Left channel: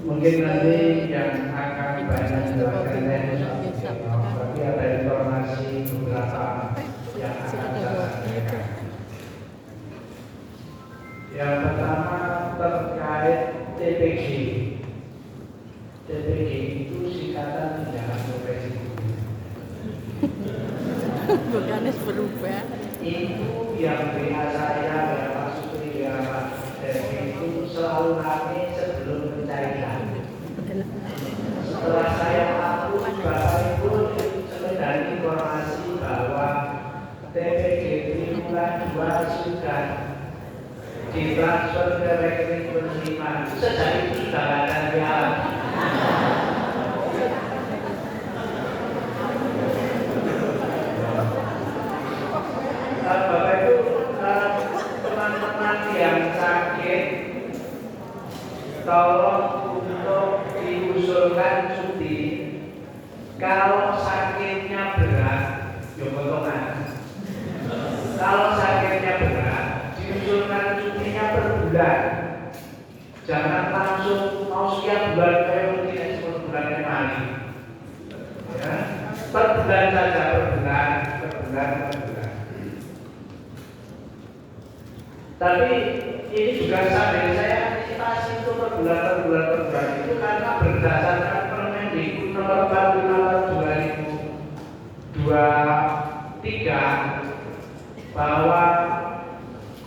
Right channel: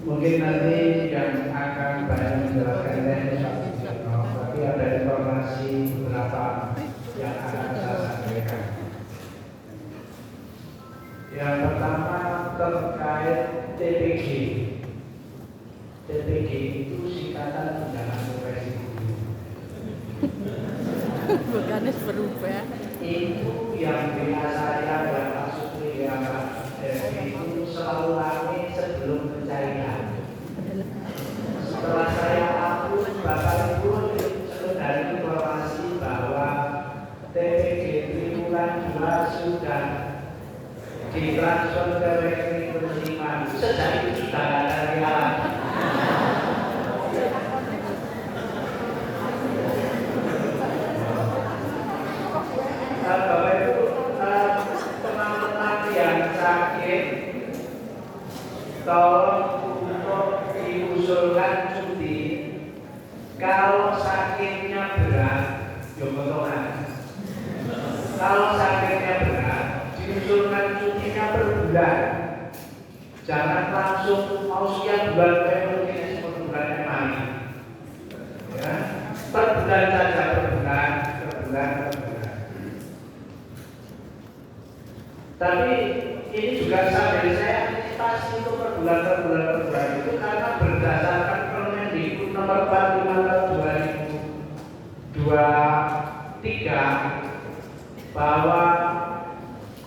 Mungkin nanti yang akan banyak menjelaskan tapi ada informasi beberapa yang akan saya sampaikan. Yang pertama terkait TPG. TPG itu singkatan tunjangan profesi guru. Bukannya berubah. Itu yang bina saya, Bapak Sutri, yang itu selalu rame sebelum pencairan. Setelah saya hapus, Bapak Ibu mendengar informasi bahwa TPG triwulan 2 sudah ditransfer ke rekening penerimaan. Sejak itu sudah ada jalan. Bapak Ibu, teman-teman yang sakit, tolong untuk diusulkan cuti. Kalau sakitnya berat, ya potongan. Kalau sakitnya berat, diusulkan cutinya per bulan. Jangan langsung mau sekian bulan kayak begini per bulannya mari. Ya, per bulan saja, per bulan. Tapi ini juga sampai saya antisipasi itu per bulan itu karena berdasarkan Permendikbud nomor 45 2023 bahwa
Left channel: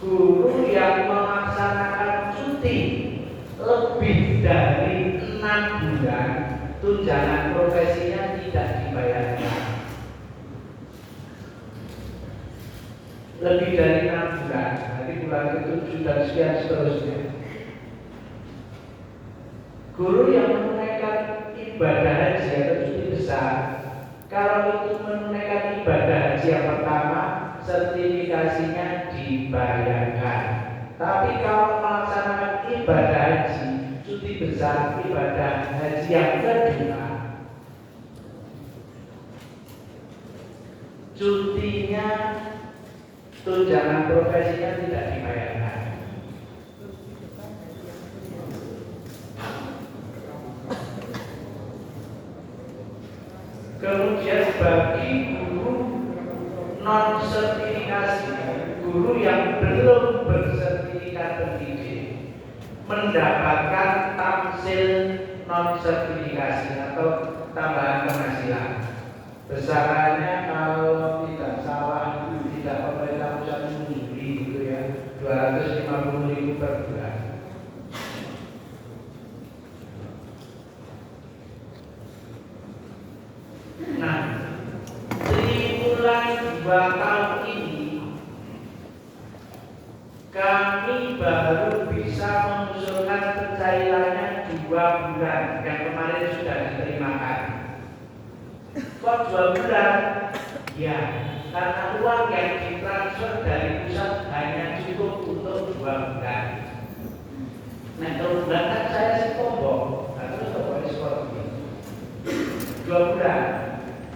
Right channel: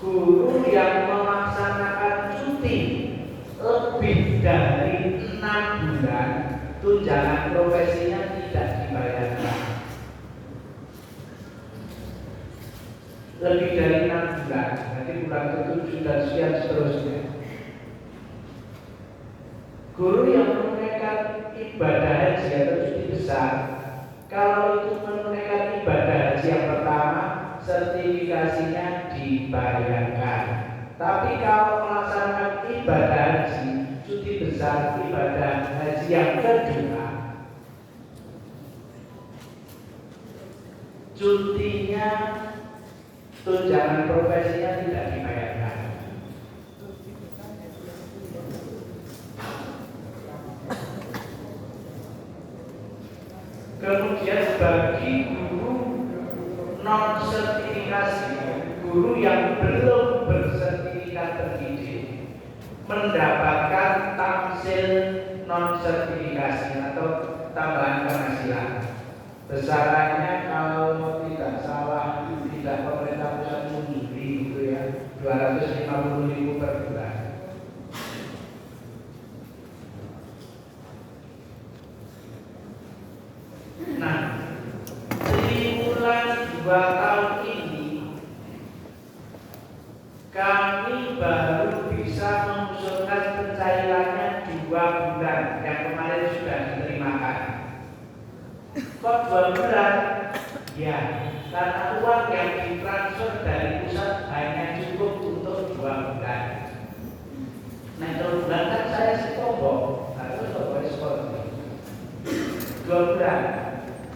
guru yang melaksanakan cuti lebih dari 6 bulan tunjangan profesinya tidak dibayarkan. Lebih dari 6 bulan, nanti bulan ke-7 dan sekian seterusnya. Guru yang menunaikan ibadah haji atau cuti besar, kalau itu menunaikan ibadah haji yang pertama, sertifikasinya dibayarkan. Tapi kalau melaksanakan ibadah haji, cuti besar, ibadah haji yang kedua, cutinya tunjangan profesinya tidak dibayarkan. Kemudian bagi guru non sertifikasi, guru yang belum bersertifikat pendidik mendapatkan tamsil non sertifikasi atau tambahan penghasilan. Besarannya kalau tidak salah tidak pemerintah pusat sendiri gitu ya, 250.000 per bulan. Nah, triwulan 2 tahun ini kami baru bisa mengusulkan pencairannya 2 bulan yang kemarin sudah diterimakan. Kok 2 bulan? Ya, karena uang yang ditransfer dari pusat hanya cukup untuk 2 bulan. Nah, kalau bulan kan saya sih tombol, terus tombol seperti 2 bulan.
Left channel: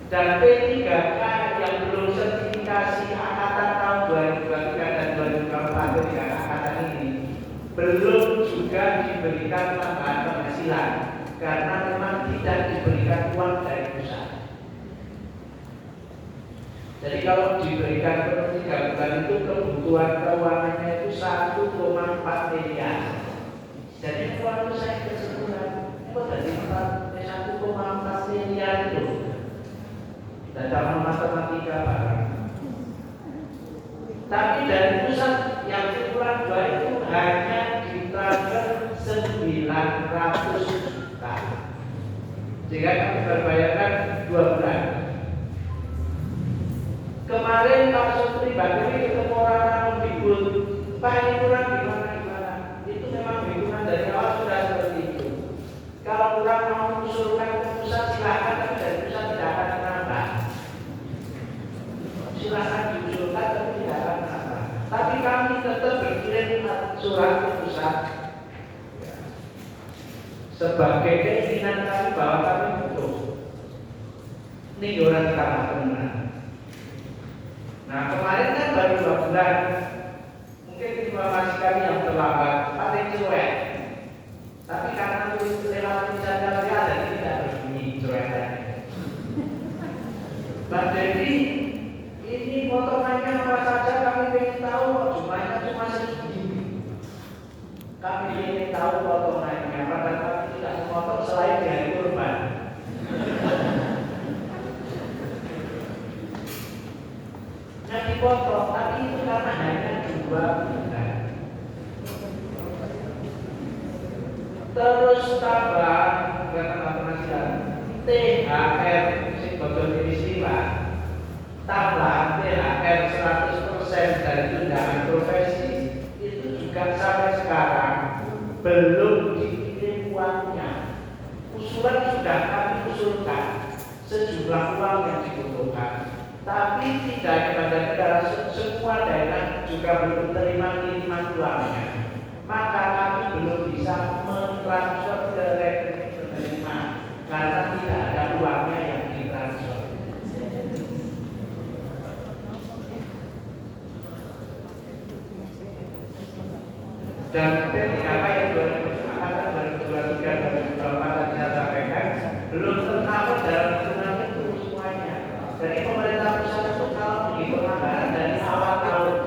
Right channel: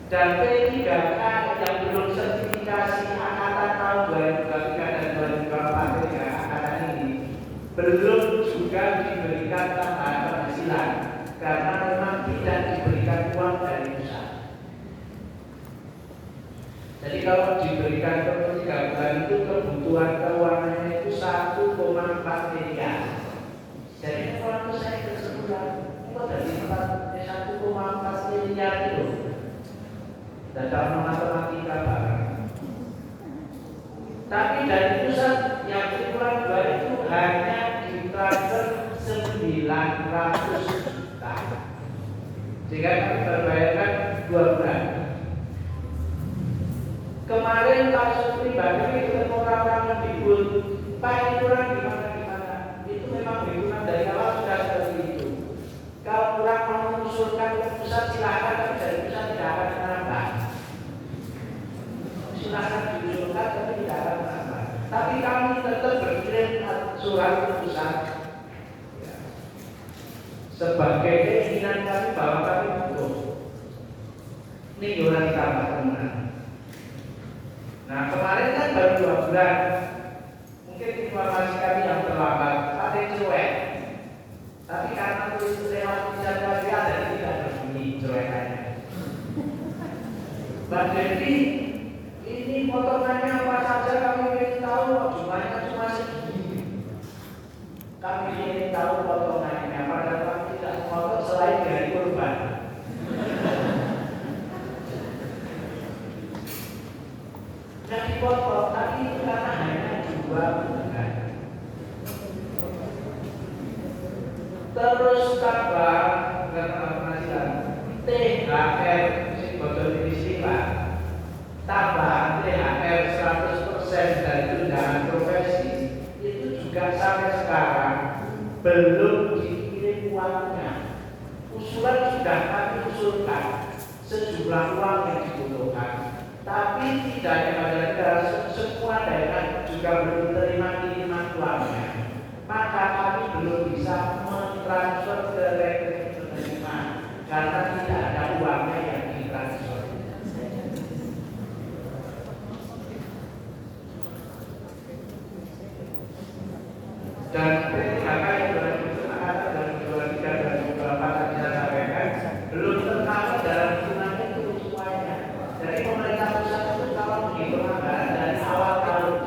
Dan P3K yang belum sertifikasi angkatan tahun 2023 dan 2024 P3K angkatan ini belum juga diberikan tambahan penghasilan karena memang tidak diberikan uang dari pusat. Jadi kalau diberikan per 3 bulan itu kebutuhan keuangannya itu 1,4 miliar. Jadi kalau saya kesimpulan, kok dari 1,4 miliar itu data matematika Pak. Tapi dari pusat yang triwulan 2 itu hanya ditransfer 900 juta. Jika kami berbayarkan 2 bulan. Kemarin Pak Sutri Bakri ketemu orang Mendikbud, Pak ini kurang gimana? Itu memang hitungan dari awal sudah seperti itu. Kalau kurang mau mengusulkan ke pusat silakan, dari sebagai keinginan kami bahwa kami butuh. Ini iuran tambah teman. Nah kemarin kan baru 2 bulan. Mungkin informasi kami yang terlambat, ada yang cuek. Tapi karena tulis tulisan kami ada, tidak berbunyi cuekannya. Mbak Devi, ini potongannya apa saja kami ingin tahu, jumlahnya cuma segini. Kami ingin tahu potongannya, padahal kami tidak mau selain dari kurban. Nah dipotong, tapi itu karena hanya 2 bulan. Terus tambah, bukan tambah penghasilan, THR, si bocor istilah, tambahan THR 100% dari tunjangan profesi, itu juga sampai sekarang belum dikirim uangnya. Usulan sudah kami usulkan sejumlah uang yang dibutuhkan, tapi tidak ada semua daerah juga belum terima kiriman uangnya. Maka kami belum bisa mentransfer ke rekening penerima karena tidak ada uangnya yang ditransfer. Dan ketika yang 2023 dan 2024 tadi saya sampaikan belum tercover dalam hitungan itu semuanya. Jadi pemerintah pusat itu kalau menghitung anggaran dari awal tahun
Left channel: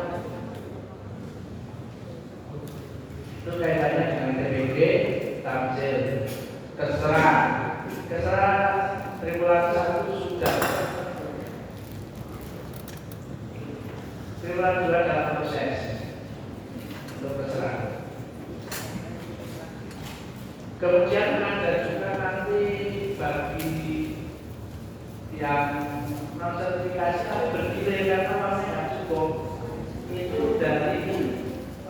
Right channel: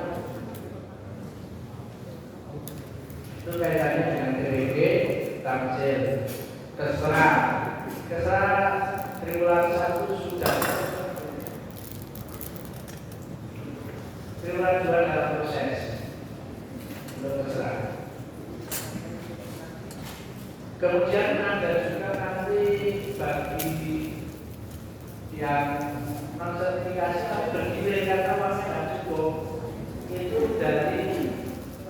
itu kaitannya dengan TBG, tamsil, keserah triwulan 1 sudah, triwulan 2 dalam proses untuk keserah. Kemudian ada juga nanti bagi yang sertifikasi tapi bergilir karena masih cukup itu dari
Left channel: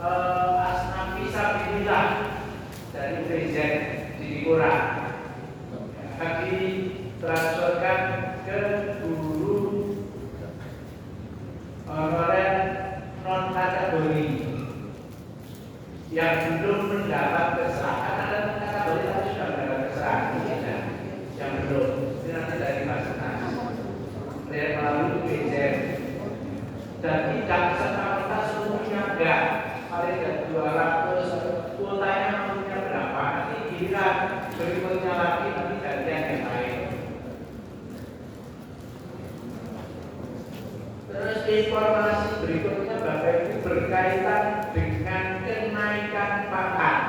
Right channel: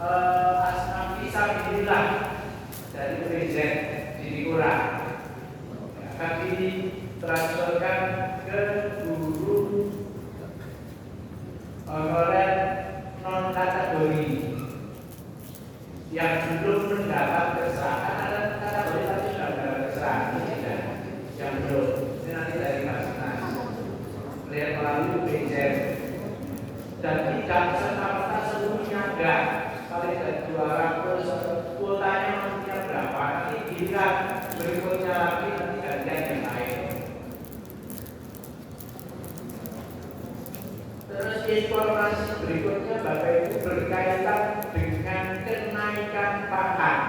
asma fisabilillah dari presiden di kurang akan ditransferkan ke guru honorer non kategori yang belum mendapat keserahan. Ada kategori tapi sudah mendapat keserahan yang belum, ini nanti dari Basnas melalui presiden dan tidak serta-merta seluruhnya enggak. Paling ada 200, kuotanya maksudnya berapa? Nanti giliran berikutnya lagi nanti gantian yang lain. Terus informasi berikutnya Bapak Ibu berkaitan dengan kenaikan pangkat.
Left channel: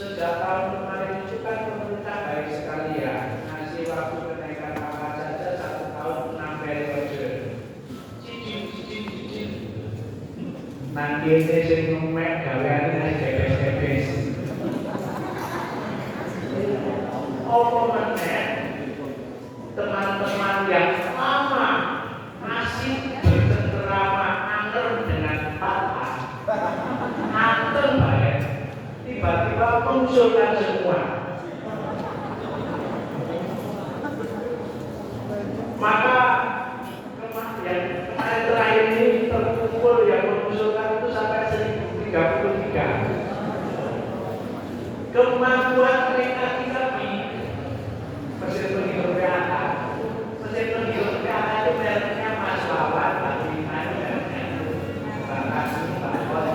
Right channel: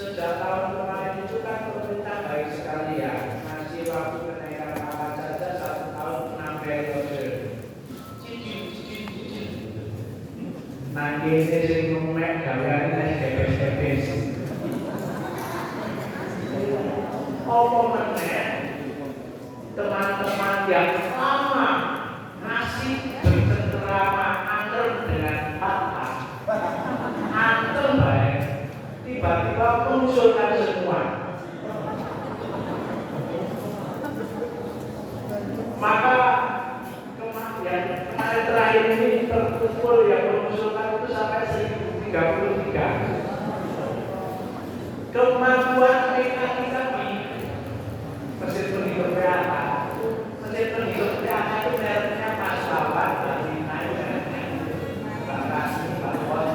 Sejak tahun kemarin itu kan pemerintah baik sekali ya, ngasih waktu kenaikan pangkat saja 1 tahun 6 periode. Nanti ini sing ngomong gaweane debes-debes. Apa meneh teman-teman yang lama masih bercengkerama angker dengan pangkat, angker baik, tiba-tiba munculkan semua. Maka yang hari terakhir ini terkumpul yang mengusulkan itu sampai 1033. Kemampuan mereka kami mesin penghitung PAK. Mesin penghitung PAK itu mereknya Mas Wawan, Pak Diman, Pak Kasmi, Pak Wal.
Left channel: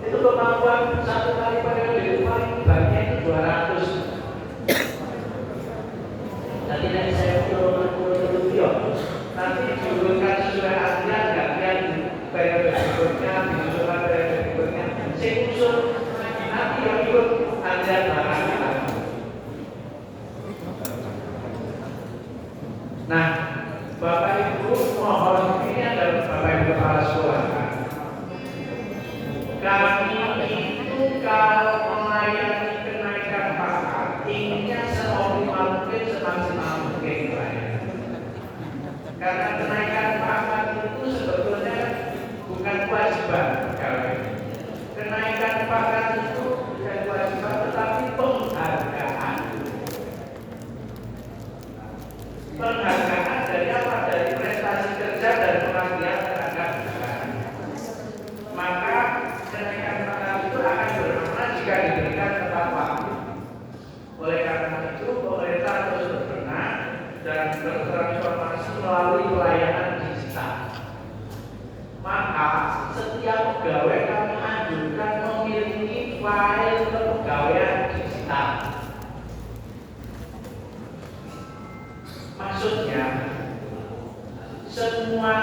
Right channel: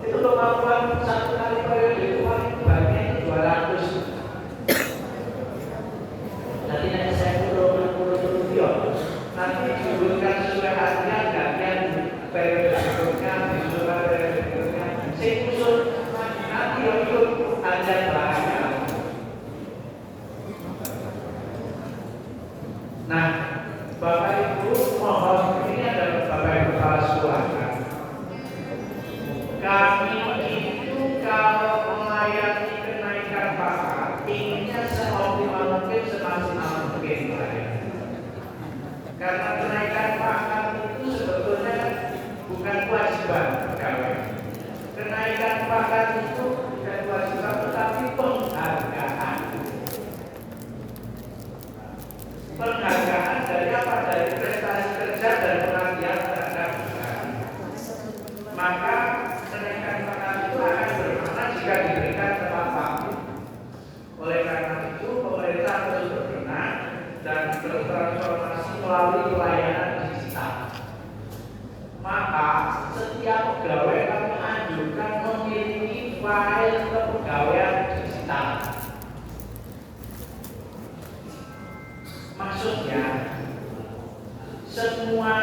Itu kemampuan satu kali periode itu paling banyak itu 200. Nanti saya turun nanti diurutkan sesuai harian, gantian periode berikutnya, disusulkan periode berikutnya. Saya usul nanti yang ikut harian barangnya lagi. Nah, Bapak Ibu mohon, ini adalah Bapak Ibu kepala sekolah. Kami itu kalau melayani kenaikan pangkat, inginnya seoptimal mungkin, semaksimal mungkin. Karena kenaikan pangkat itu sebetulnya bukan kewajiban pegawai. Kenaikan pangkat itu bukan kewajiban, tetapi diberikan tempat waktu. Oleh karena itu, pemerintah terus berbenah dan bertransformasi melalui pelayanan digital. Maka setiap pegawai kami anjurkan memiliki file kepegawaian digital. Maksudnya, semua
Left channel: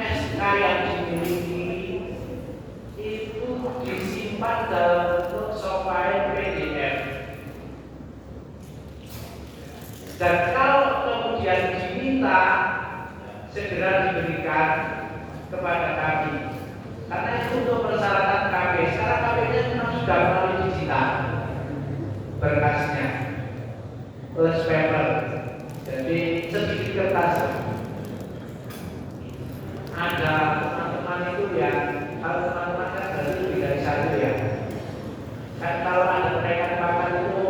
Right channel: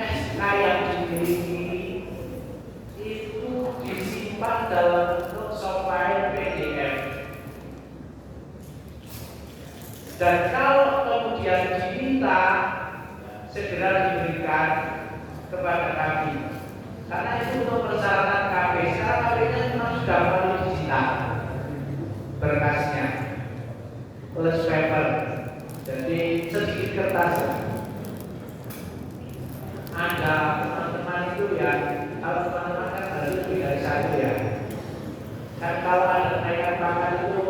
SK yang dimiliki itu disimpan dalam bentuk software PDF. Dan kalau kemudian diminta, segera diberikan kepada kami. Karena itu untuk persyaratan KB. Sekarang KB-nya memang sudah melalui digital berkasnya, plus paper. Jadi sedikit kertas. Ada teman-teman itu ya, kalau teman-teman kan berarti lebih dari satu ya. Kan kalau ada kenaikan pangkat itu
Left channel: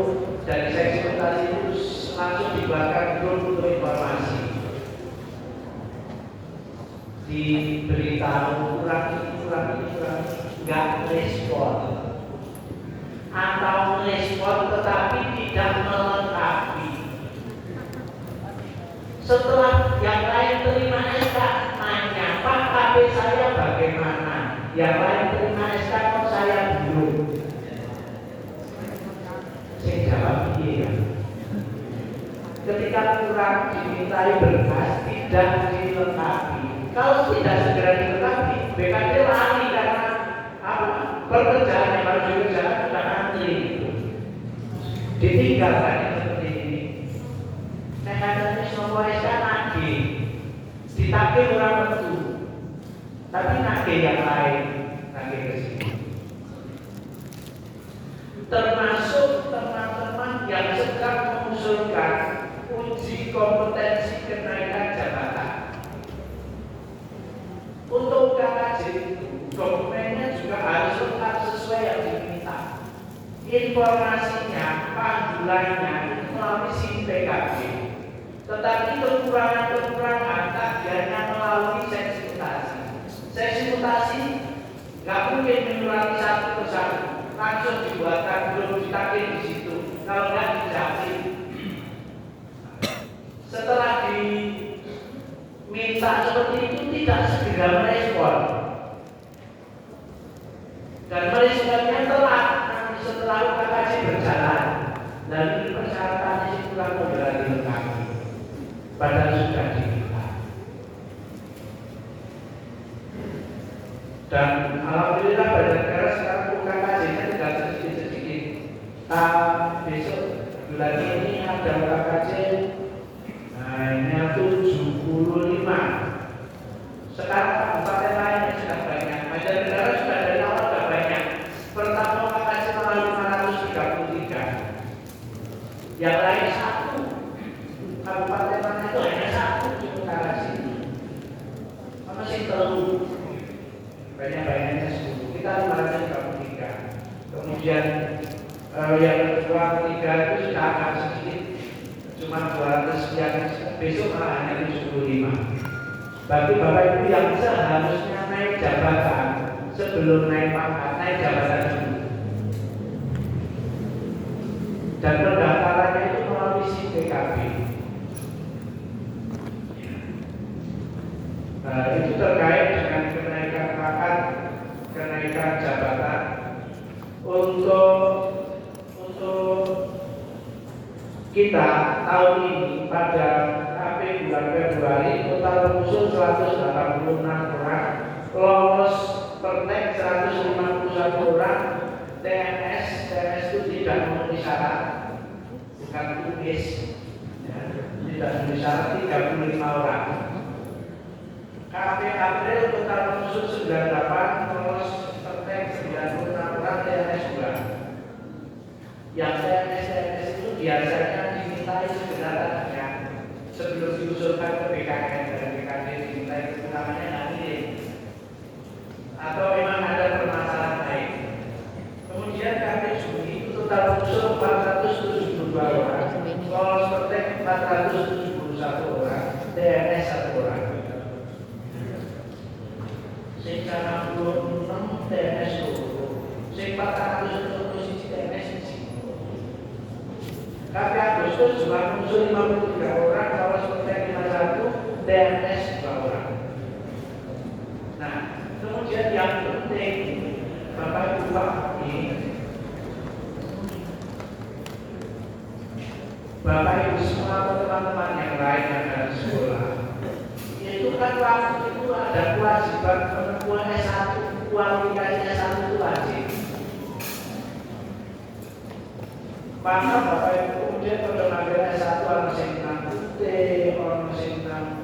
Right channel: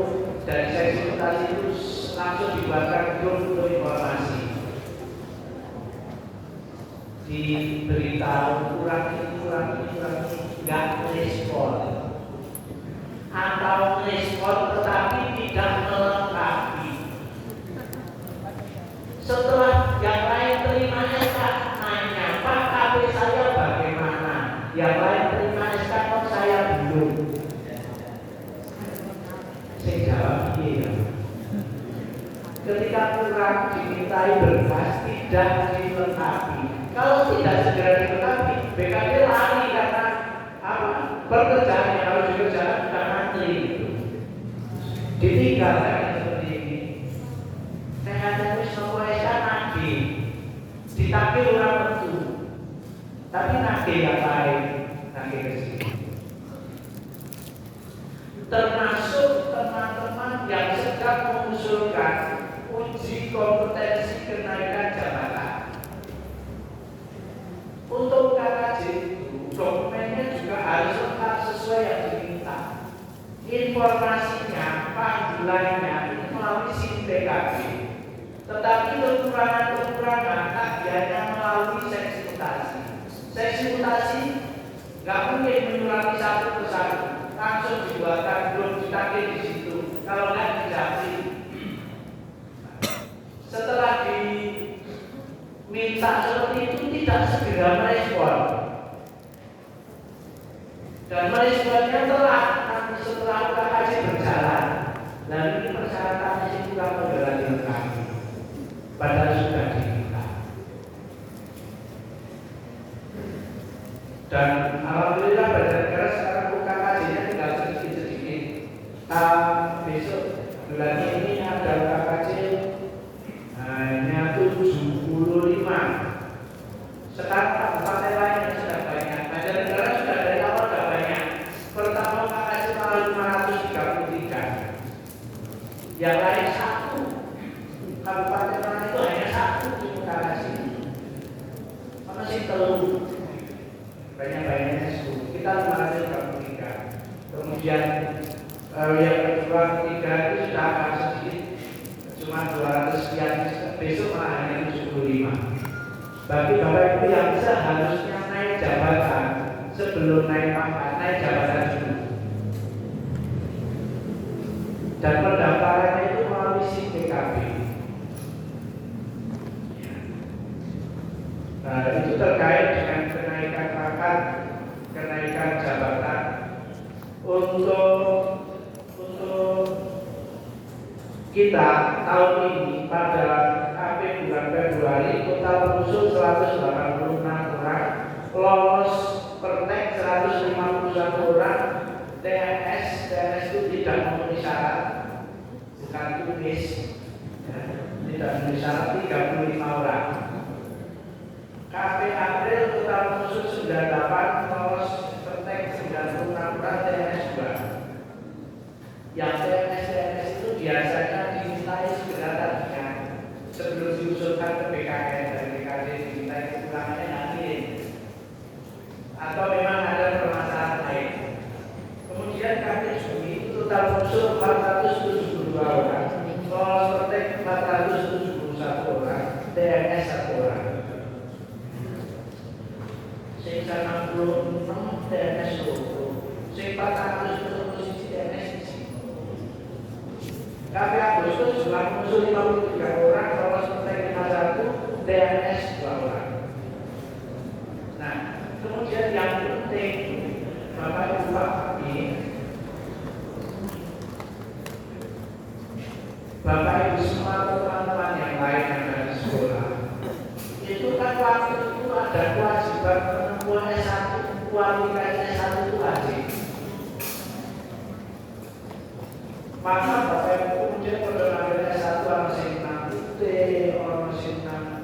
dari seksi mutasi itu langsung dibuatkan grup untuk informasi. Diberitahu kurang nggak respon atau respon tetapi tidak melengkapi. Setelah yang lain terima SK nanya, Pak KP saya bagaimana? Yang lain terima SK kok saya belum. Saya jawab iya. Ketika kurang dimintai berkas tidak dilengkapi. Kalau tidak segera dilengkapi, BKD lari karena apa? Pekerjaan yang harus dikerjakan sudah antri. Ditinggalkan yang seperti ini. Saya semua SK nagih, ditagih orang tentu, tapi nagih yang lain, nagih ke sini. Termasuk teman-teman yang sedang mengusulkan uji kompetensi kenaikan jabatan. Untuk KKJ itu dokumennya juga harus lengkap sesuai yang diminta. Informasinya, panggilannya itu melalui SIM PKB. Tetapi kekurangan-kekurangan tagihannya melalui seksi mutasi. Seksi mutasi nggak mungkin menurangi satu persatu, langsung dibuatkan belum ditagih di situ. Kalau nggak dijawab. Setelah diminta seperti itu tidak segera merespon. Dan meresponnya telat nanti setelah KKJ berjalan. Dan ini persyaratannya itu kan modal dilengkapi. Padahal sudah diminta. Dan alhamdulillah pada negara sekarang KKJ-nya tinggal sedikit-sedikit. Besok bulan ini ada KKJ hanya 75. Sekarang kabupaten lainnya sudah banyak. Banjar Negara sudah dari awal sudah banyak. Pertama KKJ malah 533. Yang lain satu. Kabupaten lain itu hanya satu di KKJ. Kalau sih telur banyak-banyaknya 10. Kita 533. Kemudian kalau yang kedua, ketiga itu sudah agak sedikit. Cuma 200 sekian. Besok malah hanya 75. Bagi Bapak Ibu yang seharusnya naik jabatan sebelum naik pangkat, naik jabatan dulu. Dan pendaftarannya itu melalui SIM PKB. Nah, itu terkait dengan kenaikan pangkat, kenaikan jabatan untuk kita tahun ini pada bulan Februari total pengusul 186 orang, lolos pertek 151 orang, TNS itu tidak memenuhi syarat, bukan tulis, ya, tidak memenuhi syarat 35 orang. KP April total pengusul 98, lolos pertek 96 orang, TNS 2. Yang TNS itu biasanya dimintai segera tadinya sebelum diusulkan ke BKN dan BKD dimintai kekurangnya yang ini atau memang ada permasalahan lain. Kemudian KP Juni itu total usul 472 orang, lolos pertek 471 orang, TNS 1 orang. Sing 66 TNS 2, sing 400 untuk posisi TNS Agustus jumlah pengusul 53 orang, lolos UTN 51, TNS 2 orang. Nah, kemudian yang penting Bapak Ibu Bupati, Bapak Ibu semua teman-teman yang lain yang dari sekolah, itu kan waktu itu ada kewajiban penempuan S1, kualifikasi S1 itu wajib. Maka Bapak Ibu kemudian pada ngambil S1 orang mesin tentang UT, orang mesin tentang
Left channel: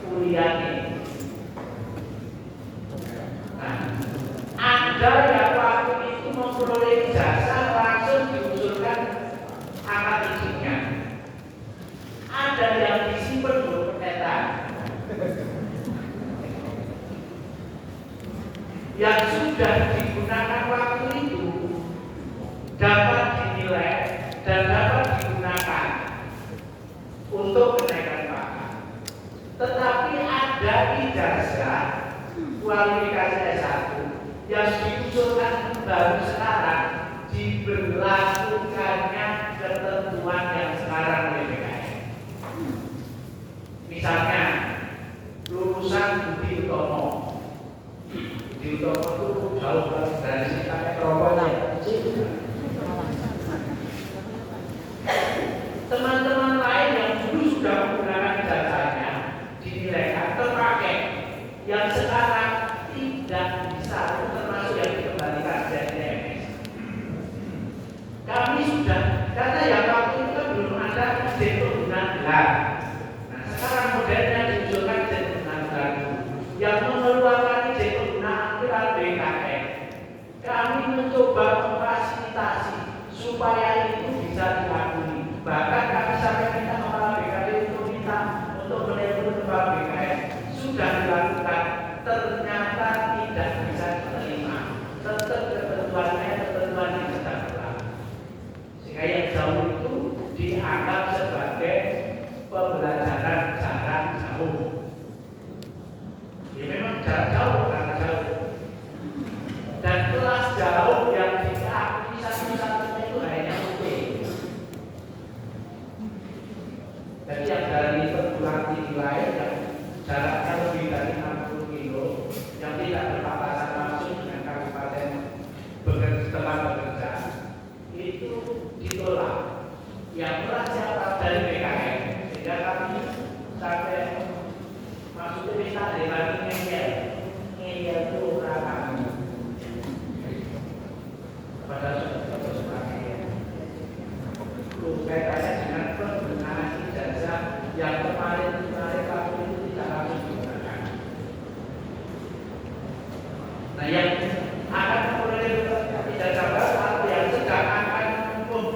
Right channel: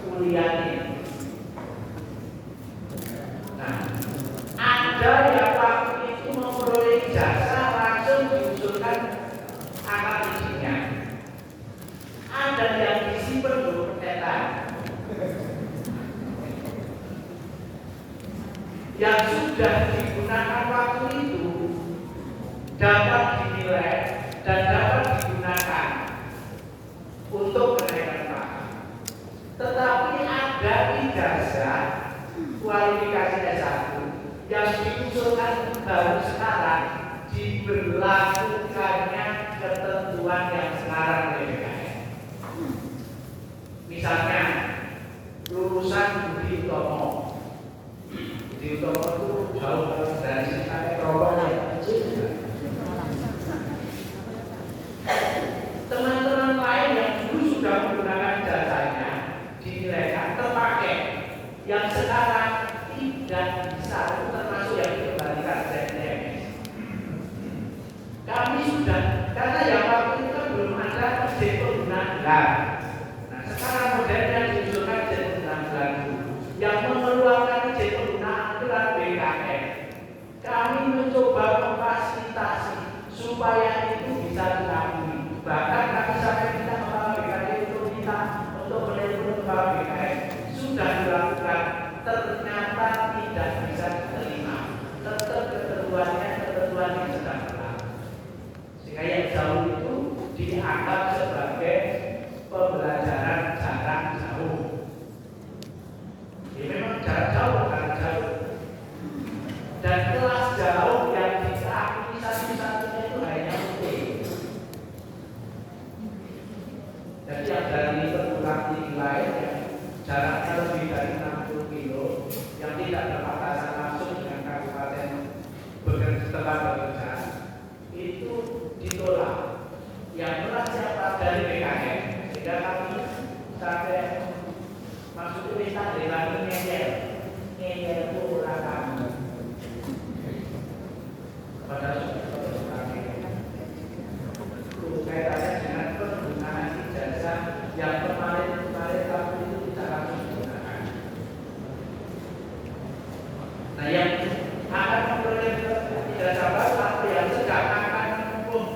kuliah ini. Nah, ada yang waktu itu memperoleh ijazah langsung diusulkan angkat izinnya. Ada yang disimpan berpetetan, yang sudah digunakan waktu itu dapat dinilai dan dapat digunakan untuk kenaikan pangkat. Tetapi ada ijazah kualifikasi S1 yang diusulkan baru sekarang diberlakukannya ketentuan yang sekarang BPKN. Misalnya lulusan Budi Utomo. Budi Utomo itu jauh dari sistem Eropa kecil. Teman-teman lain yang dulu sudah menggunakan jasanya dinilaikan terpakai, yang sekarang tidak bisa, termasuk yang dikembalikan ZTMS. Kami sudah, karena yang waktu itu kan belum ada izin penggunaan gelar. Nah, sekarang modelnya diusulkan izin penggunaan gelar yang mengeluarkan izin penggunaan gelar BKN. Kami mencoba memfasilitasi supaya itu bisa diakui. Bahkan kami sampai minta kepala BKN untuk minta untuk menelpon kepala BKN sudah dilakukan, ternyata tidak bisa diterima. Tetap ketentuannya yang sedang berlaku. Sehingga yang jauh itu dianggap sebagai pembelajaran jarak jauh. Ini memang jarak jauh karena jauh. Dan kelas jauh yang diakui satu-satunya itu hanya UT. Jadi yang dari perguruan tinggi lain yang jaraknya lebih dari 60 kilo, yang tidak berbatasan langsung dengan kabupaten tempat bekerja, itu ditolak. Yang tolak siapa? Dari BKN. Sehingga kami sampai masuk ke desa kami ngeyel itu orang kami. Padahal sudah dipakai. Kaitannya dengan penggunaan ijazah yang kemarin waktu itu tidak langsung digunakan. Nah, yang akan memperoleh ijazah baru atau yang sedang akan menempuh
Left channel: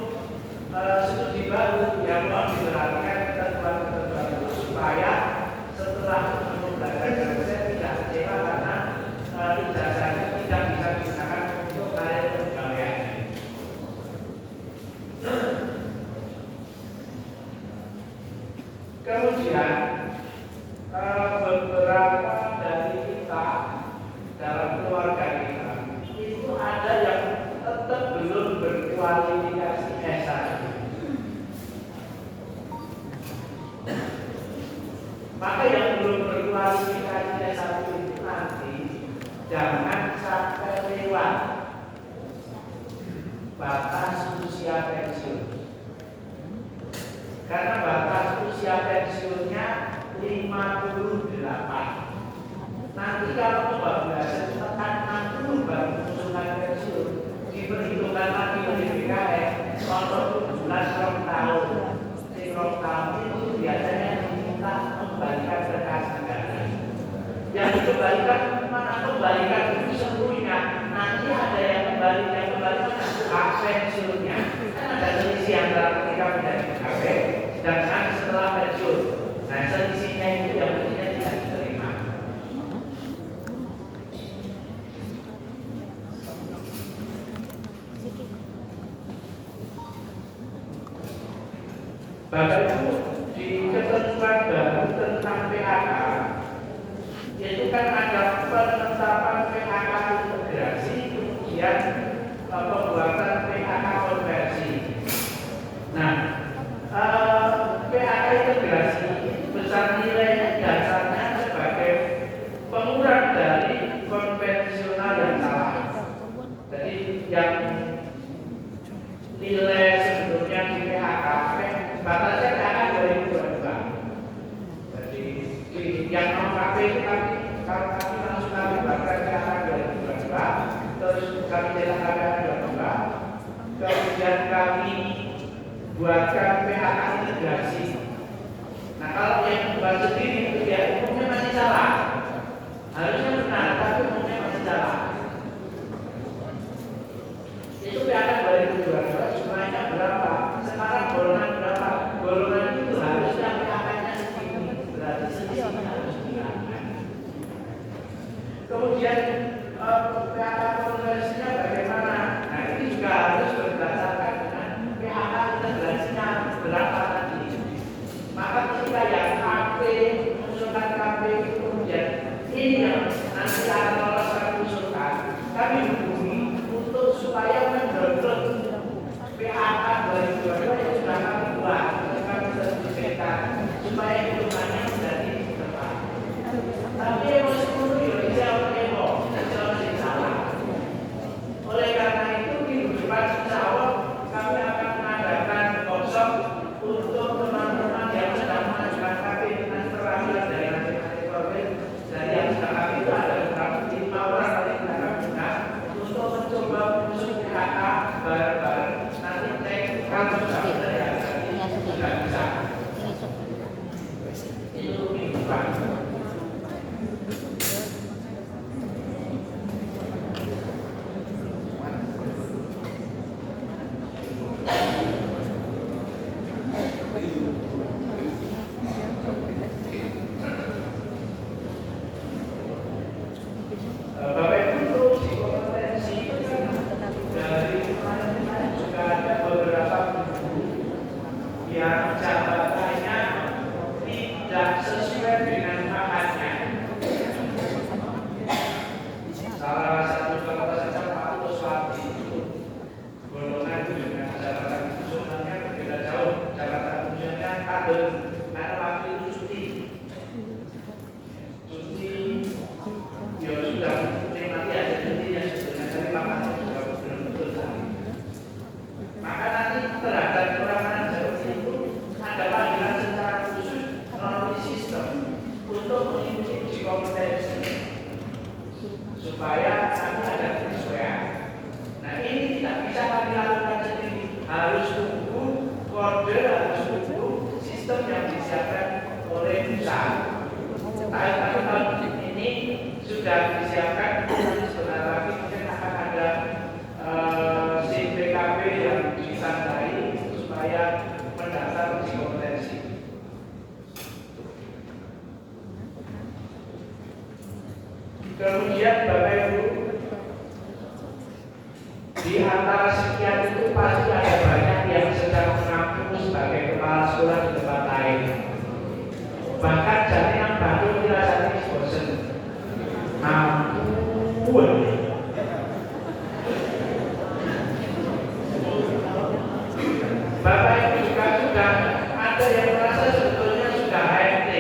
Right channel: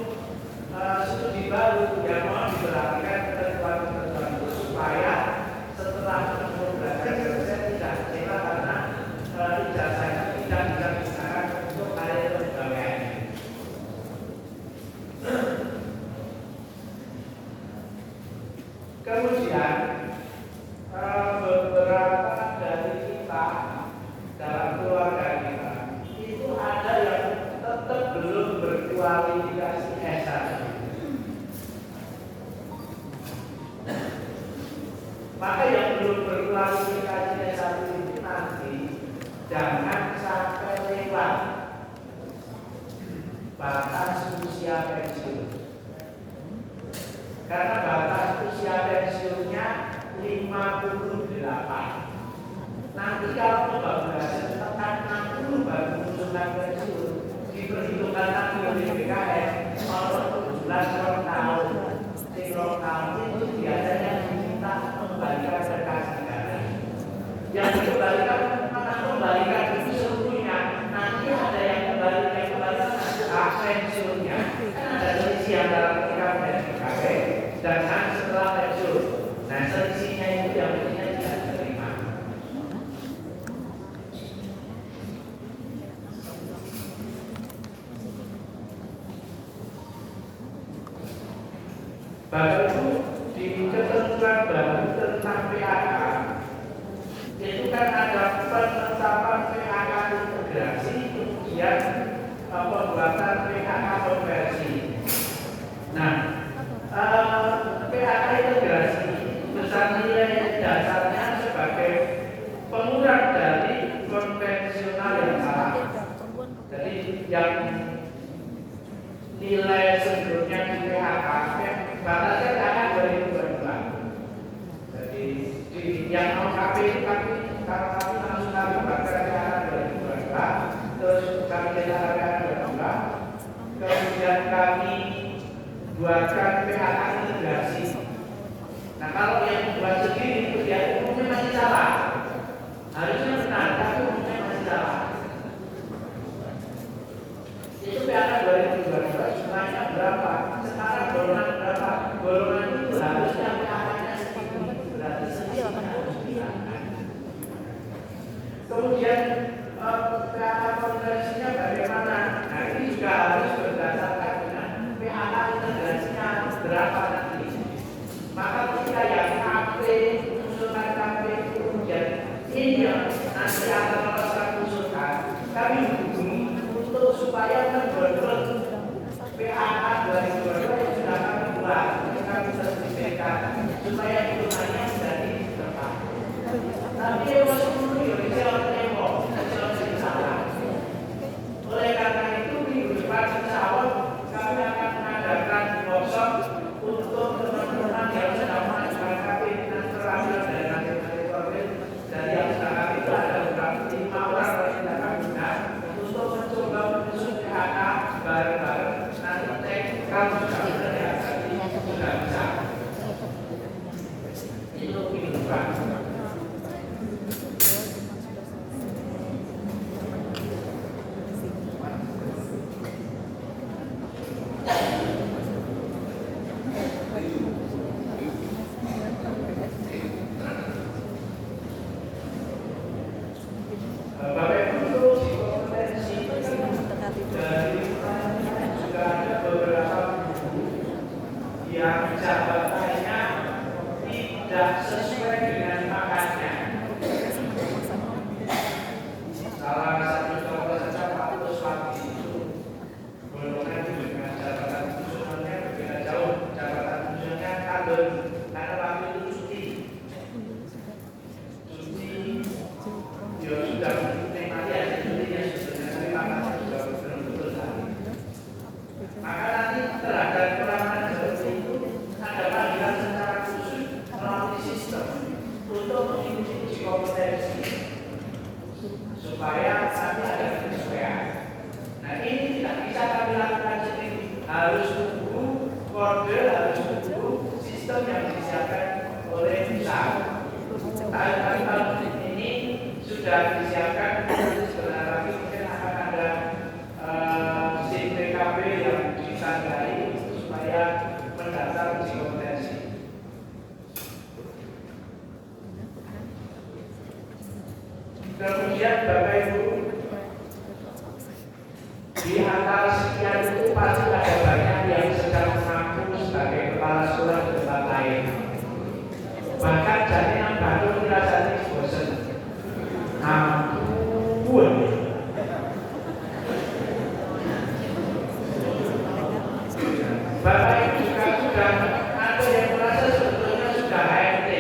studi baru yang mau diperhatikan ketentuan-ketentuan itu supaya setelah menempuh belajar selesai tidak kecewa karena ijazahnya tidak bisa digunakan untuk karir pembanggaan. Kemudian beberapa dari kita dalam keluarga kita itu ada yang tetap belum berkualifikasi S1. Maka yang belum berkualifikasi S1 itu nanti jangan sampai lewat batas usia pensiun. Karena batas usia pensiunnya 58. Nanti kalau kebablasan tekan 60 baru mengusulkan pensiun, diperhitungkan lagi oleh BKN kalau 17 tahun. Sehingga tahun itu biasanya diminta kembalikan ke kas negara. Yang dikembalikan mana? Kembalikan itu seluruhnya. Nanti ada yang kembalikan hak pensiunnya. Kan ada selisih antara ketika menjadi pegawai dan setelah pensiun. Nah, selisihnya itu yang tidak diterima. Bapak Ibu, di ketentuan baru tentang PHK itu kan ada penetapan PHK integrasi, kemudian pembuatan PHK konversi. Nah, nilai sebelumnya di PHK batasnya karena 2022. Jadi yang non KP itu kalau kami langsung kami buatkan PHK 2022, terus kami jelaskan PHK 2022, kemudian kami buatkan PHK integrasi. Nah kalau yang buat sendiri itu dia umumnya masih salah, harusnya benar tapi umumnya masih salah. Itu PHK 2022 jumlahnya berapa? Sekarang golongan berapa? Golongan itu harusnya PHK-nya segini, berarti selisihnya harus dihilangkan. Kemudian PHK konversinya bagaimana? Nah ini juga harus berdasarkan dengan PHK integrasinya berapa nanti. Maka ketika yang KP usulkan KP itu kemudian ini yang nanti akan melakukan usulkan, kami hubungi untuk supaya mendorong PHK 2022 yang sudah kami buat, yang kami sertifikatkan supaya hitungannya menjadi tepat. Tapi yang masih menunggu Indonesia menembok, dan salah. Oleh karena itu minggu depan insya Allah kami akan mengadakan workshop untuk teman-teman yang sedang mengajukan KP dengan perwakilan dari masing-masing korban. Dari yang sudah kami itu ada beberapa 5 orang yang sudah kami undang untuk mencoba menyusun PHK bareng-bareng. Nanti cek kalau sudah benar ya, berarti sudah bisa. Itu minggu depan. Supaya nanti ada penyesuaian. Nah ini tidak bisa kami lakukan sendiri, harus tunggu kode, harus tunggu sistem yang disiapkan oleh pusat. Tadi tahun ini sudah disiapkan, sebentar lagi mungkin akan ada SIM PKB yang disandari supaya mendaftar uji kompetensi. Kemudian Bapak Ibu, di antara sekian itu pasti ada banyak yang sedang mengaku sebagai kepala sekolah di tempat lain. Bahkan jadi yang baru dirasani bosan. Ampun. Bapak Ibu juga sudah ada yang merasa sebetulnya sudah HMT.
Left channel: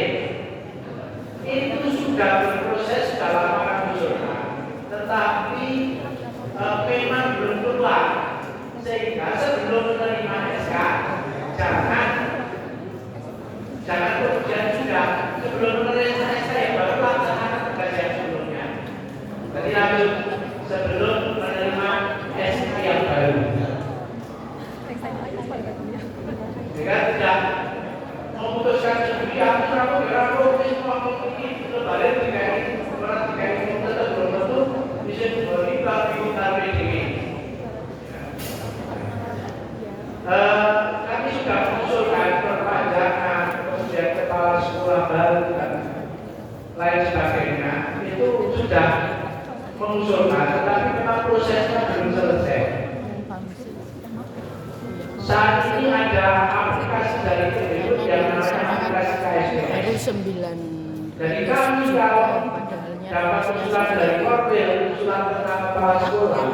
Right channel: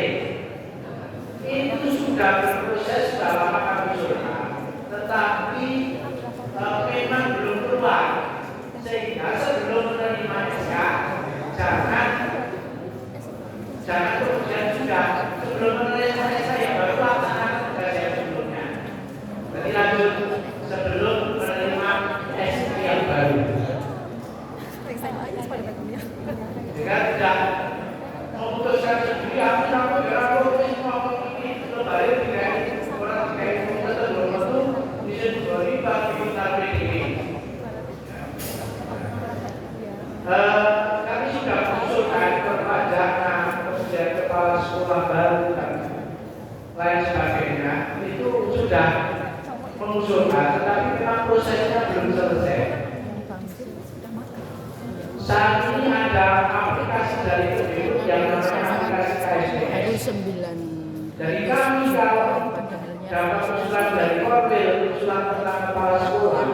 Itu sudah berproses dalam tetapi memang belum keluar, sehingga sebelum menerima SK jangan kemudian juga sebelum menerima SK yang baru laksanakan tugas yang sebelumnya. Jadi lanjut sebelum menerima SK yang baru. Jika tidak memutuskan sendiri, aku semua ini lebaran tidak ini orang tidak ini kami sudah mengusulkan perpajakan, kemudian kepala sekolah baru dan lain sebagainya itu sudah mengusulkan, tetapi memang prosesnya belum selesai. Saat ini ada aplikasi dari KPU yang bernama aplikasi KSBS. Dari kami kalau dapat usulan dari Korwil, usulan tentang kepala sekolah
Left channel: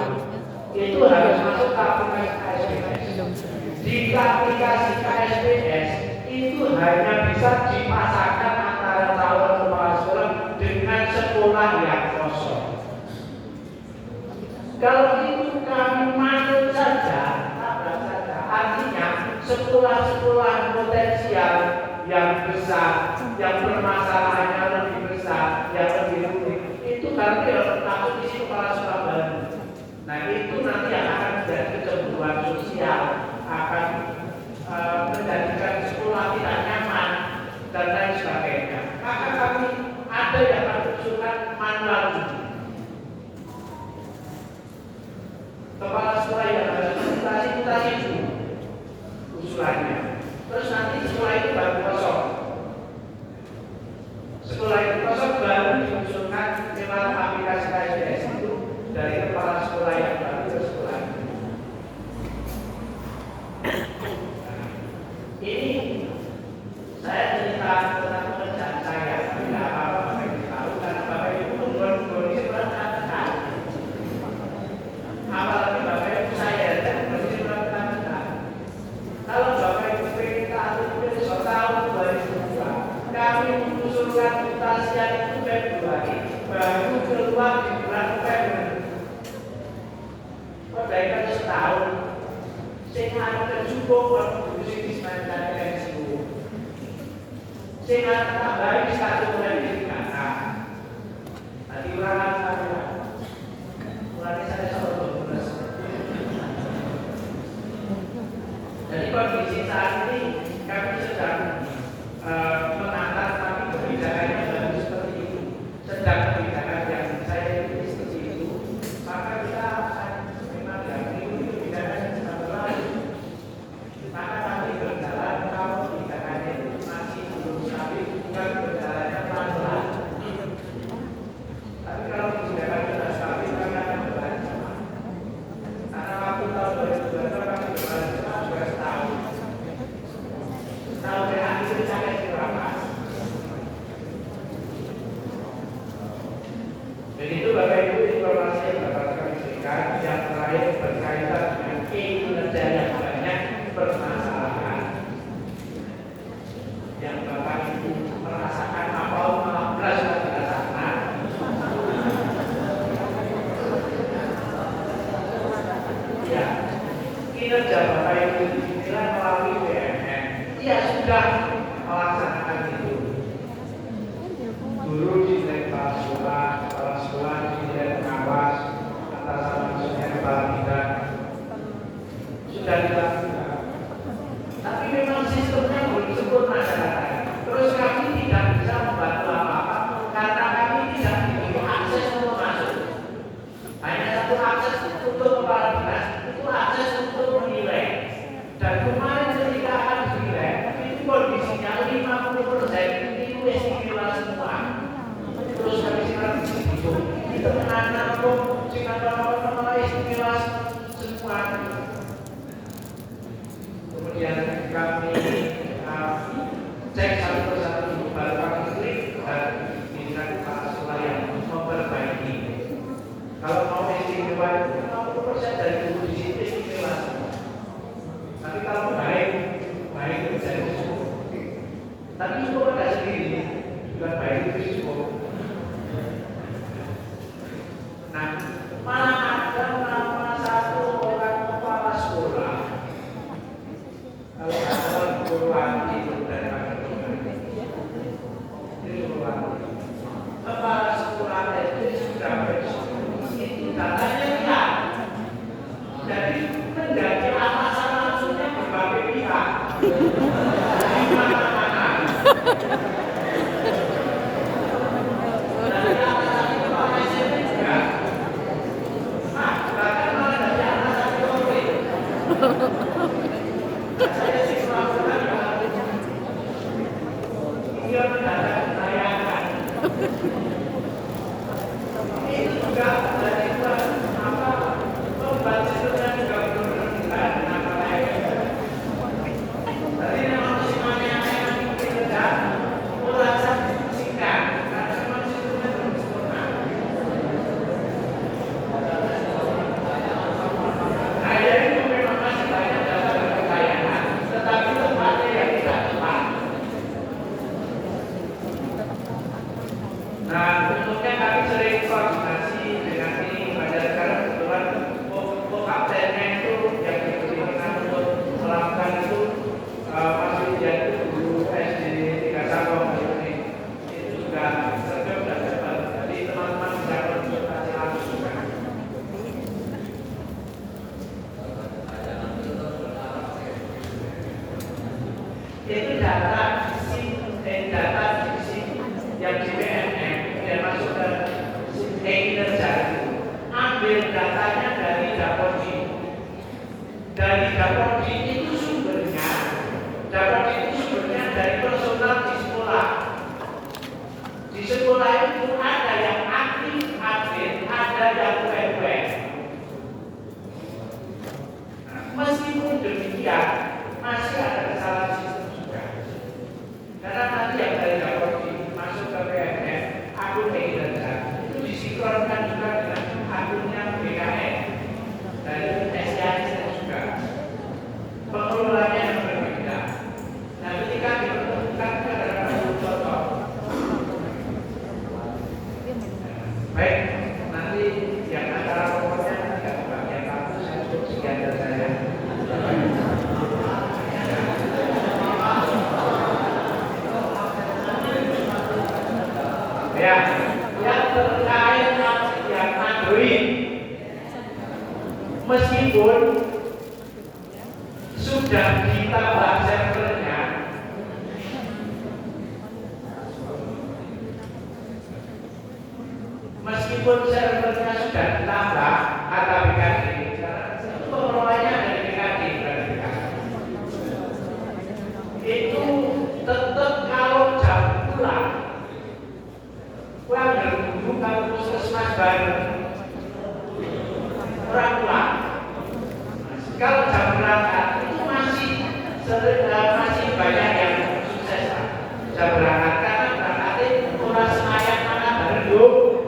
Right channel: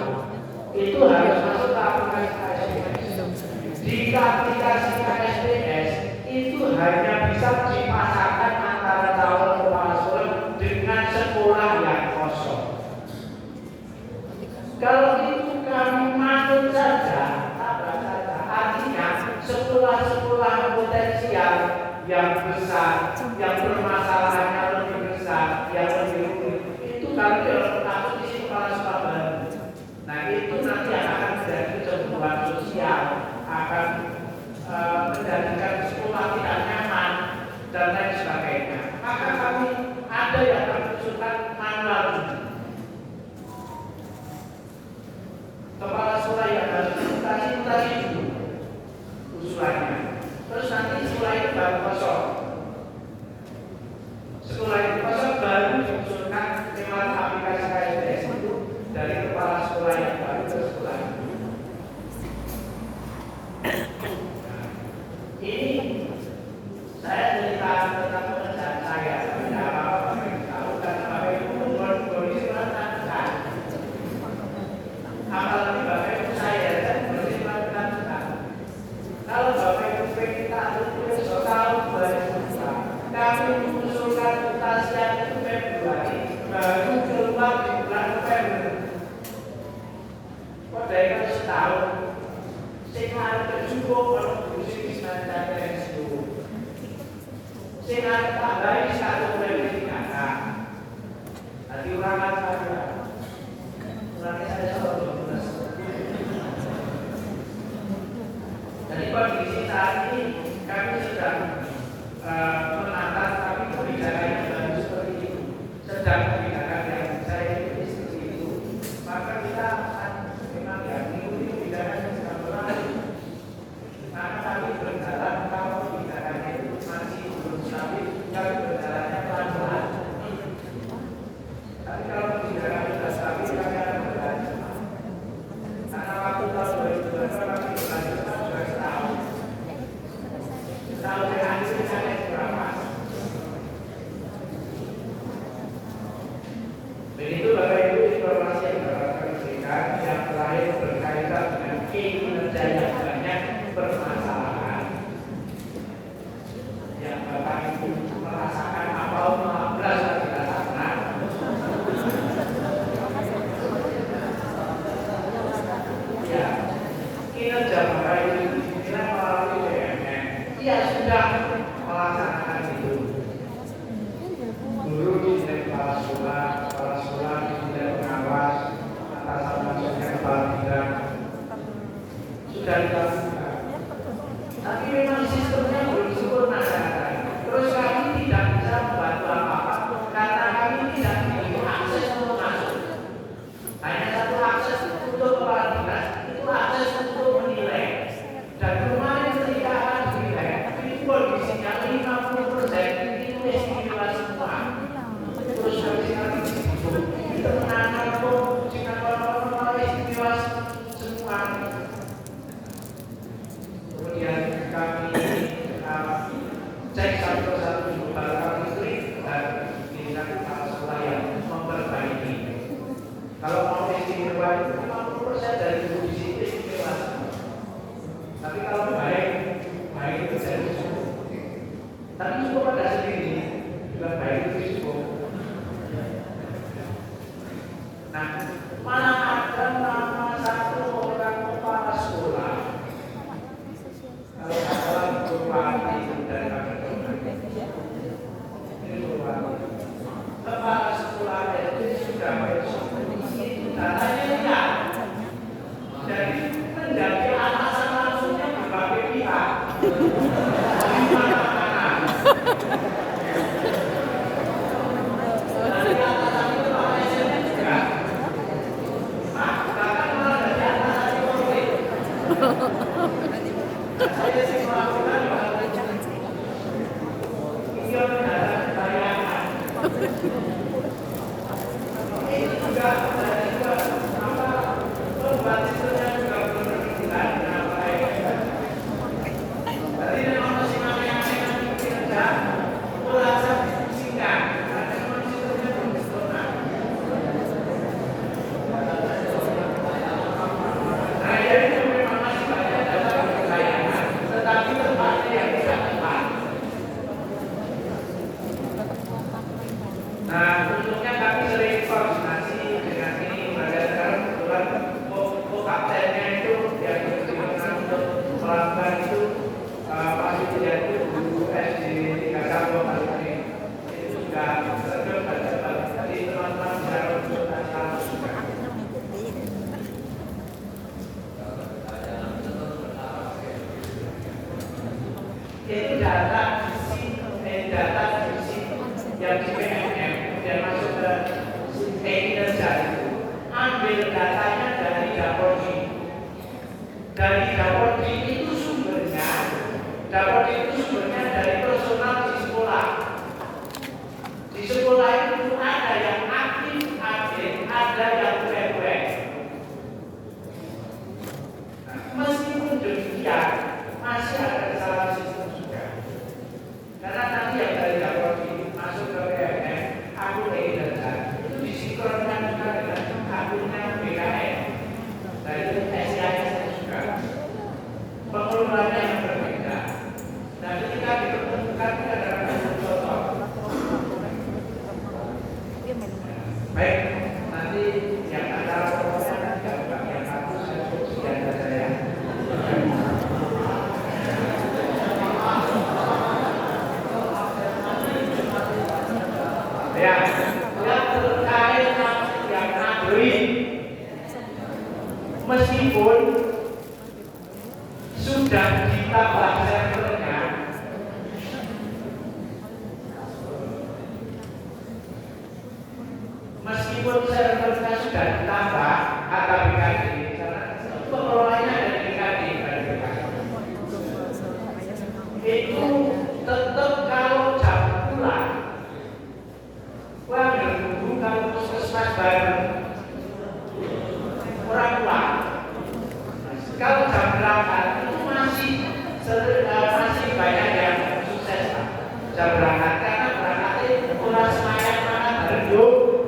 itu harus masuk ke aplikasi KSBS. Jika aplikasi KSBS itu hanya bisa dipasangkan antara calon kepala sekolah dengan sekolah yang kosong. Kalau itu kami manut saja, ada saja. sekolah-sekolah potensial yang besar, yang permasalahannya lebih besar, yang lebih rumit, itu nanti takut isi kepala sekolah baru. Nah itu nanti yang akan menjadi kejenuhan sosial, akan menjadikan sekolah tidak nyaman dan lain sebagainya. Maka kami ada yang kami usulkan manual uji. Kepala sekolah yang harus mutasi dulu usulannya. Terus nanti sekolah itu baru kosong. Sekolah itu kosong baru diusulkan lewat aplikasi KSBS itu dari kepala sekolah yang baru ke sekolah itu. Ini saya cerita tentang pekerjaan saya, tidak apa-apa Bapak Ibu tahu karena Bapak Ibu itu kondisi melakukan. Apalagi Bapak Ibu saya dan kondisi melakukan. Kalau Bapak Ibu ingin tahu besok tahun 2004, kami mengusulkan mutasian itu Februari, baru keluar di bulan November. Kok dari setahun? Sehingga ada juga kontribusi di sepanjang yang seluruh. Sehingga tambahin satu kualifikasi. Tadi ulangan saya, ulangan saya selalu berulas. Jadi kondisi saat ini kami sedang menatap kami kebijakan yang baru seperti itu. Sedang kebijakan yang saya pilih seperti itu, maka kita akan memang mengikuti kebijakan yang sedang berlaku. Maka kami berjalan kalau kebijakannya itu masih belum stabil, kami berjalannya pelan-pelan. Tapi kalau kebijakan sudah stabil, kami akan berjalan cepat. Karena waktu tahun 2022 kami berjalan cepat juga setahun. Setahun terakhir saya berapa? Begitu Bapak Ibu informasi yang bakal kami berikan. Yang terakhir berkaitan dengan kinerja yang banyak permasalahan yang Bapak Ibu merasakan apa malah berasa dirasakan. Ya, kinerja Bapak Ibu dinilai melalui BMN. Ia sudah melaksanakan itu. Guru dinilai kepala sekolah dinilai pengawas, atasan maksudnya kepala bidang. Sudah dilakukan. Tapi memang sistemnya belum sempurna kadang-kadang. Terus kami tidak bisa membantu apa-apa karena kami tidak memiliki akses untuk masuk. Hanya satu akses untuk kepala dinas, itu akses untuk menilai. Dan kemarin ketika akan dinilai, itu kondisinya 50% itu istimewa semua. Terus kondisinya itu tenanan kok, sehingga kalau istimewa semua. Kemudian kami cek satu persatu baru kami klik dan dirikan kepala sekolah yang memperbaiki. Kalau mau istimewa, 50% dari guru di sini istimewa. Tapi kalau baik itu jadi cukup. Tapi cukup pada sendiri, bukan baik itu cukup. Nah, malah ada nama satu orang kepala sekolah. Kalau ada Purwati itu daripada ini Purwati. Kepala sekolah itu sudah besok. Itu datanya hilang. Jadi menjadi atasan langsungnya berbagai pihak. Dari mana-mana. Dari atasan itu Pak Presiden juga. Bahkan malah dari atasan Polri. Saya sih melakukan hingga mendadak bayangan. Ini juga menjadi lomba sistemnya juga benar-benar kenapa lain. Tadi memang musim yang mungkin ada ulasan singkat karena memang sistemnya belum sempurna. Nah itu memang masih banyak dasar bayangan, tetapi tempatnya yang tidak tepat. Nah itu data fisik yang di PNM kemudian masuk ke kinerja itu, ambil datanya dari Dapodik. Dari Dapodik itu sumbernya dari personal di sekolah. Di sekolah itu ada yang aktif, ada yang cuek. Meskipun demikian, masih ada kesalahan sistem juga. Karena nanti yang dari Dapodik masuk ke PNM, akun kinerja itu disinkronkan juga dengan akunnya BKN. Dari SIA juga. Pengelolaannya yang berbeda. Nah, ketika dipertemukan ada contoh. Baik, nanti yang antara pokoknya nanti yang bagus saya sekian dari saya. Ya, yang terkait yang Android, meskipun sudah ditambah servernya, sudah ditambah kata BKD, itu pengelolanya dari BKD, itu tetap kalau jam pulang, nunggu kalau puskesmas baru orang pulang. Kalau jam berangkat itu masih banyak yang sukses jam berangkat karena berangkatnya kurang semayang makan bareng yuk.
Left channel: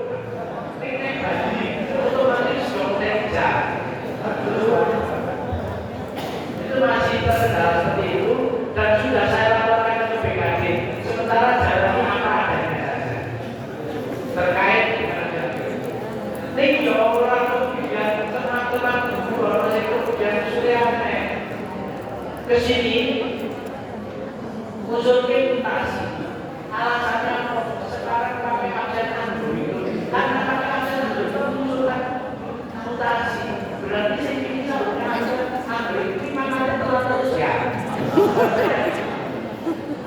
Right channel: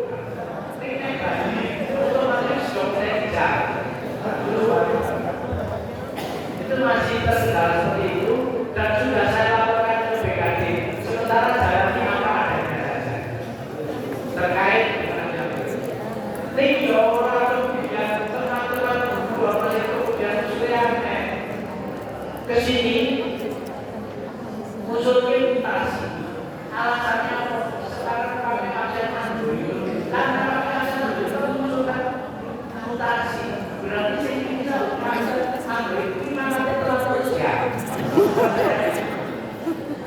Itu masih terkendala seperti itu dan sudah saya laporkan ke BKD. Sementara jalannya apa adanya saja terkait ini orang kemudian teman-teman guru orang itu kemudian sudah ke sini usulnya mutasi. Alasannya sekarang kami absen Android karena kami absen Android mengusulkan mutasi. Berarti saya bisa mengajar Android di mana ada terus ya.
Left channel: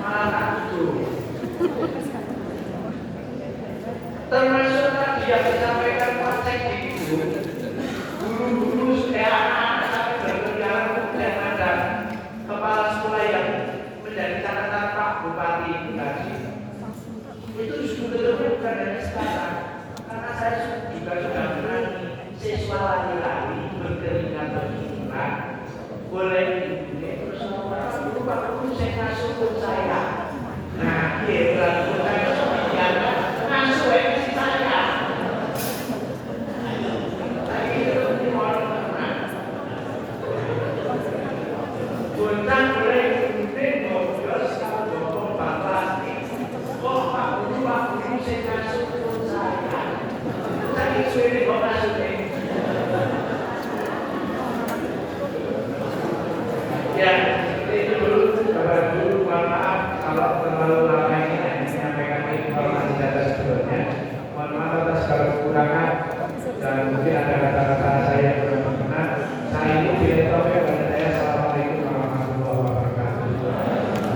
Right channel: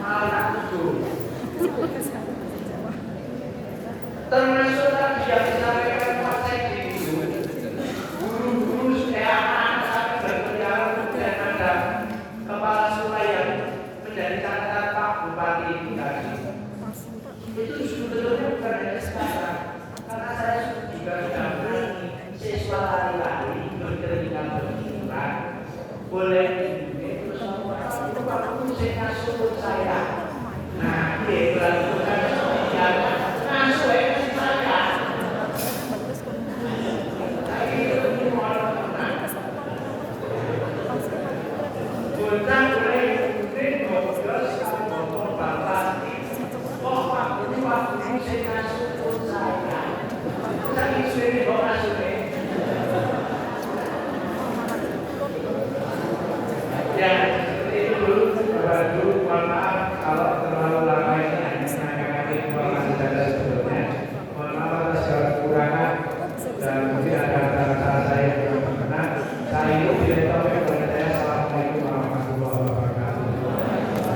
Malah aku termasuk tadi yang disampaikan Pak Sekdi itu guru-guru anak-anak sampai berkeliaran kemudian ada kepala sekolah yang menjadi catatan Pak Bupati itu tadi. Itu sebetulnya bukan hanya sekarang, karena saya juga sudah berani siswa lari-lari berkeringat berkeringat boleh terus Pak Guru saya kasih untuk saya. Nah, dia berlaku masuk saya. Bukan boleh kemudian ngobrol sama ngomong bapak. Oh, Pak Guru saya masuk untuk saya. Saya disuruh kok masuk